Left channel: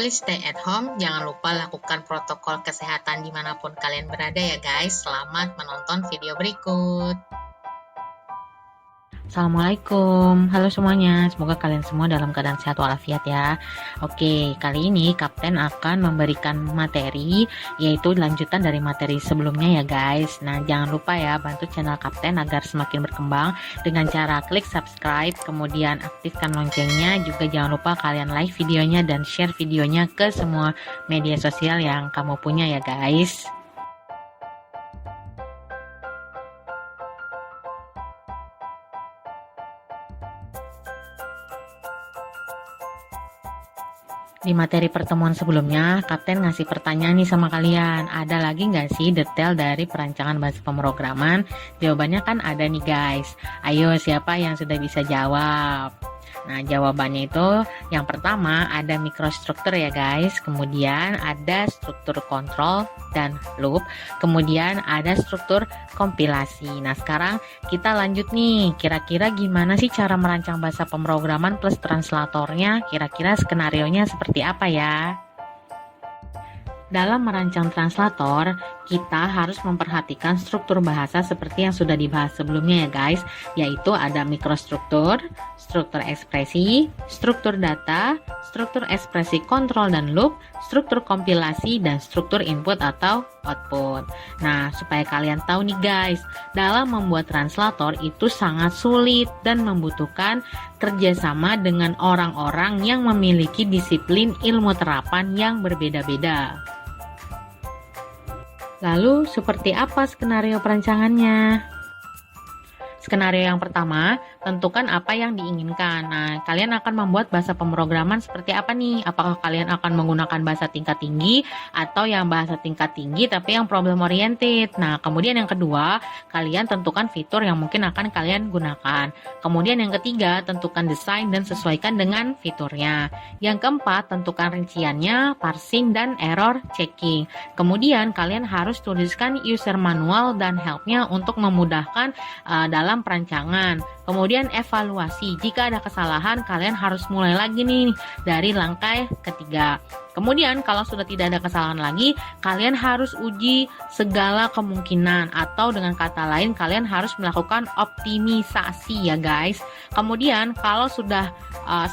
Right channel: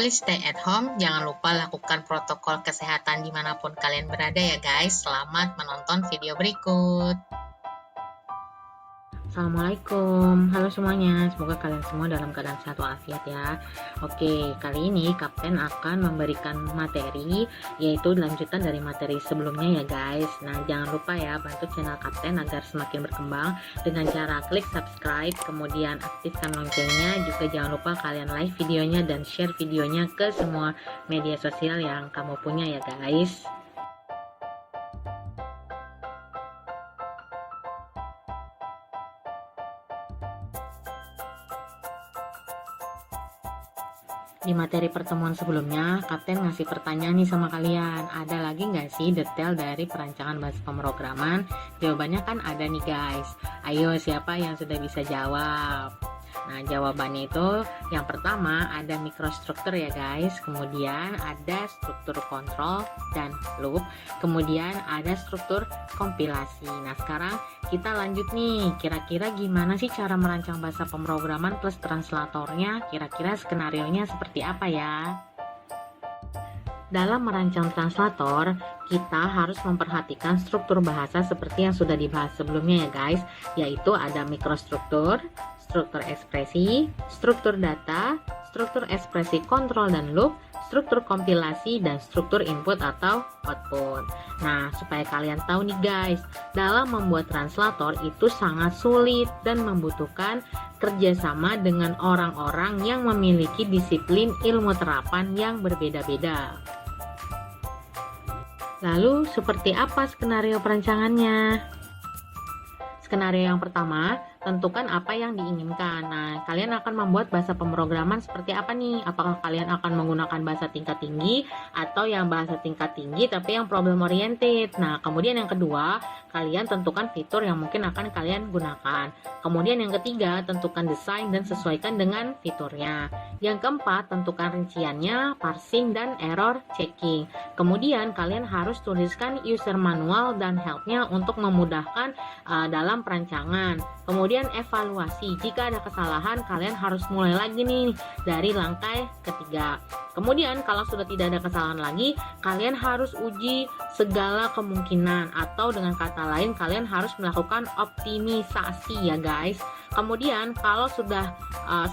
please stay at home. Jangan lupa lakukan protokol kesehatan dimanapun kalian berada ya guys. Selamat menonton video berikut. Assalamualaikum, halo semuanya, semoga kalian semua dalam keadaan sehat walafiat ya. Oke, kali ini Kapten akan memberikan materi, yaitu lanjutan dari materi sebelumnya ya guys. Nah, jangan lupa ya, bantu channel Kapten agar semakin berkembang dengan cara klik subscribe, kemudian aktifkan loncengnya. Juga jangan lupa kalian like videonya dan share videonya ke semua media sosial yang kamu punya ya guys. Di materi pertemuan sebelumnya, Kapten ngasih pertanyaan nih sama kalian. Ada lagi nggak sih detail dari perancangan bahasa pemrograman? Jawabannya kan ada nih guys. Ayo, siapa yang sudah bisa jawab? Nah, jawabannya itu yang pertama ada mikrostruktur ya guys, kemudian ada struktur kontrol dan loop, kemudian ada struktur kompilasi. Nah, sekarang kita lanjut nih, kira-kira gimana sih cara merancang bahasa pemrograman plus translatornya? Kira-kira skenarionya seperti apa ya? Dalam merancang translator, kita harus memperhatikan struktur bahasa seperti yang sudah dibahas sebelumnya ya guys, yaitu ada mikrostruktur, struktur ekspresi, struktur data, struktur ekspresi kontrol dan loop, struktur kompilasi, dan struktur input atau output. Nah, supaya kalian tahu nih guys, dalam membuat translator itu sangat sulit dan membutuhkan kerjasama dengan orang-orang yang memiliki disiplin ilmu terapan yang berbeda-beda. Lalu, seperti apa skenario perancangannya? Skenario yang pertama, tentukan apa yang diinginkan. Nah, kalian akan membuat bahasa pemrograman seperti apa nih? Apakah kalian akan menggunakan bahasa tingkat tinggi atau yang bahasa tingkat tinggi tapi yang problem oriented? Nah, kemudian yang kedua, kalian tentukan fitur yang mungkin akan kalian gunakan. Kemudian yang ketiga, tentukan desain dan sesuaikan dengan fiturnya. Yang keempat, tentukan rinciannya, parsing, dan error checking. Kemudian kalian harus tuliskan user manual dan helpnya untuk memudahkan dalam perancangan. Kemudian evaluasi, jika ada kesalahan kalian harus mulai lagi nih dari langkah ketiga. Kemudian kalau sudah tidak ada kesalahan lagi, kalian harus uji segala kemungkinan, atau dengan kata lain kalian harus melakukan optimisasi ya guys. Kemudian kalau sudah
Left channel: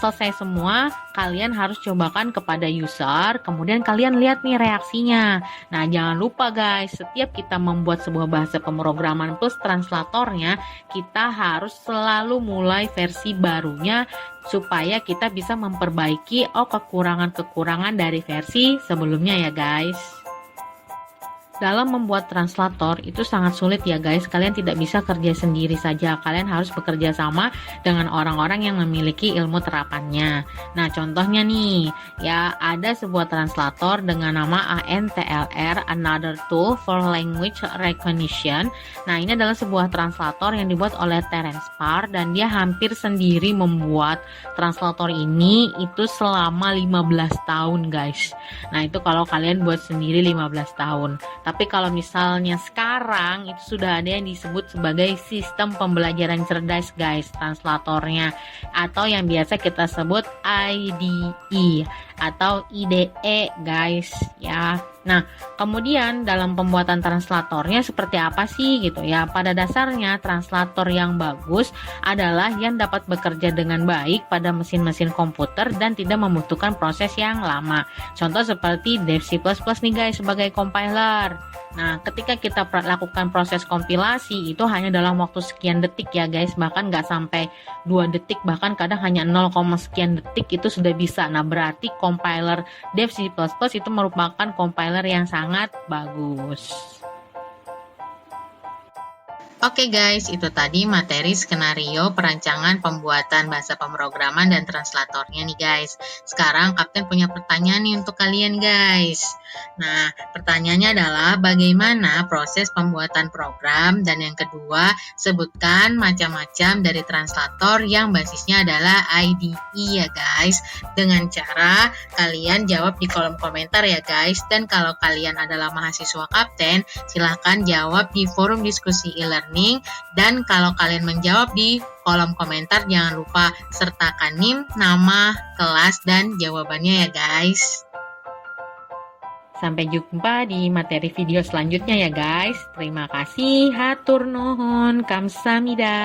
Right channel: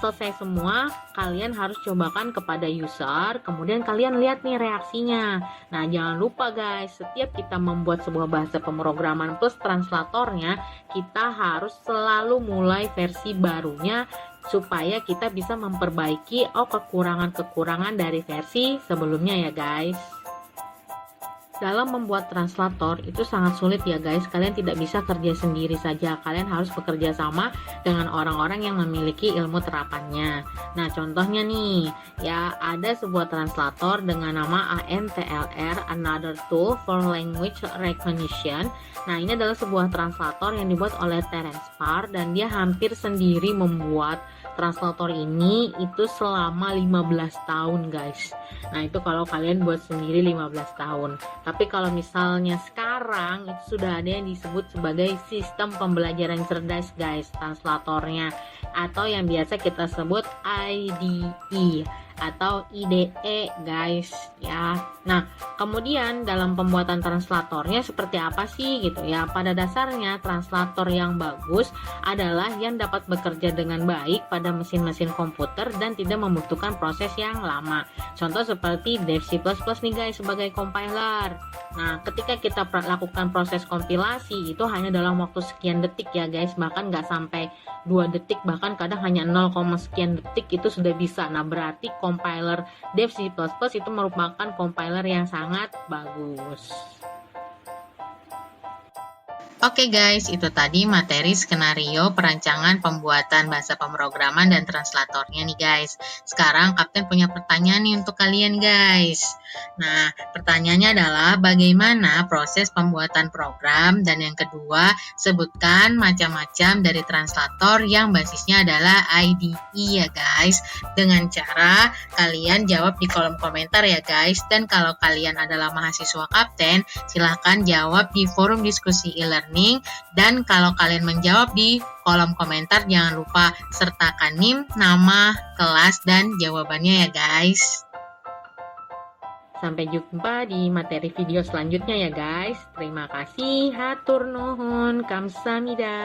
selesai semua, kalian harus cobakan kepada user, kemudian kalian lihat nih reaksinya. Nah, jangan lupa guys, setiap kita membuat sebuah bahasa pemrograman plus translatornya, kita harus selalu mulai versi barunya supaya kita bisa memperbaiki kekurangan-kekurangan dari versi sebelumnya ya guys. Dalam membuat translator itu sangat sulit ya guys, kalian tidak bisa kerja sendiri saja, kalian harus bekerja sama dengan orang-orang yang memiliki ilmu terapannya. Nah, contohnya nih, ya ada sebuah translator dengan nama ANTLR, Another Tool for Language Recognition. Nah, ini adalah sebuah translator yang dibuat oleh Terence Parr dan dia hampir sendiri membuat translator ini itu selama 15 tahun guys. Nah, itu kalau kalian buat sendiri 15 tahun. Tapi kalau misalnya sekarang itu sudah ada yang disebut sebagai sistem pembelajaran cerdas guys, translatornya, atau yang biasa kita sebut IDE atau IDE guys ya. Nah, kemudian dalam pembuatan translatornya seperti apa sih gitu ya? Pada dasarnya translator yang bagus adalah yang dapat bekerja dengan baik pada mesin-mesin komputer dan tidak membutuhkan proses yang lama. Contoh seperti Dev C++ nih guys sebagai compiler. Nah, ketika kita lakukan proses kompilasi itu hanya dalam waktu sekian detik ya guys, bahkan nggak sampai 2 detik, bahkan kadang hanya 0, sekian detik itu sudah bisa. Nah, berarti compiler Dev C++ itu merupakan compiler yang sangat bagus. Oke guys, itu tadi materi skenario perancangan pembuatan bahasa pemrograman dan translatornya nih guys. Sekarang Kapten punya pertanyaan nih untuk kalian guys. Nah, pertanyaannya adalah bagaimana proses pembuatan program, dan yang kedua, sebutkan macam-macam dari translator yang basisnya adalah IDE ya guys. Dengan cara kalian jawab di kolom komentar ya guys. Dan kalau kalian adalah mahasiswa Kapten, silahkan jawab di forum diskusi e-learning. Dan kalau kalian menjawab di kolom komentar, jangan lupa sertakan NIM, nama, kelas, dan jawabannya ya guys. Sampai jumpa di materi video selanjutnya ya guys. Terima kasih, hatur nuhun, kamsahamnida.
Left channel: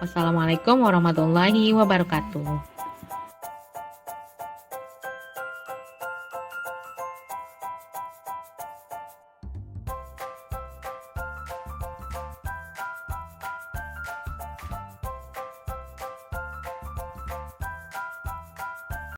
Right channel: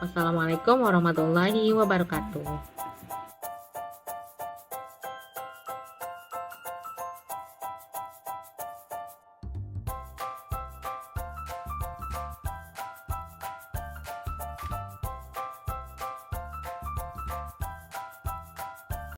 Wassalamualaikum warahmatullahi wabarakatuh.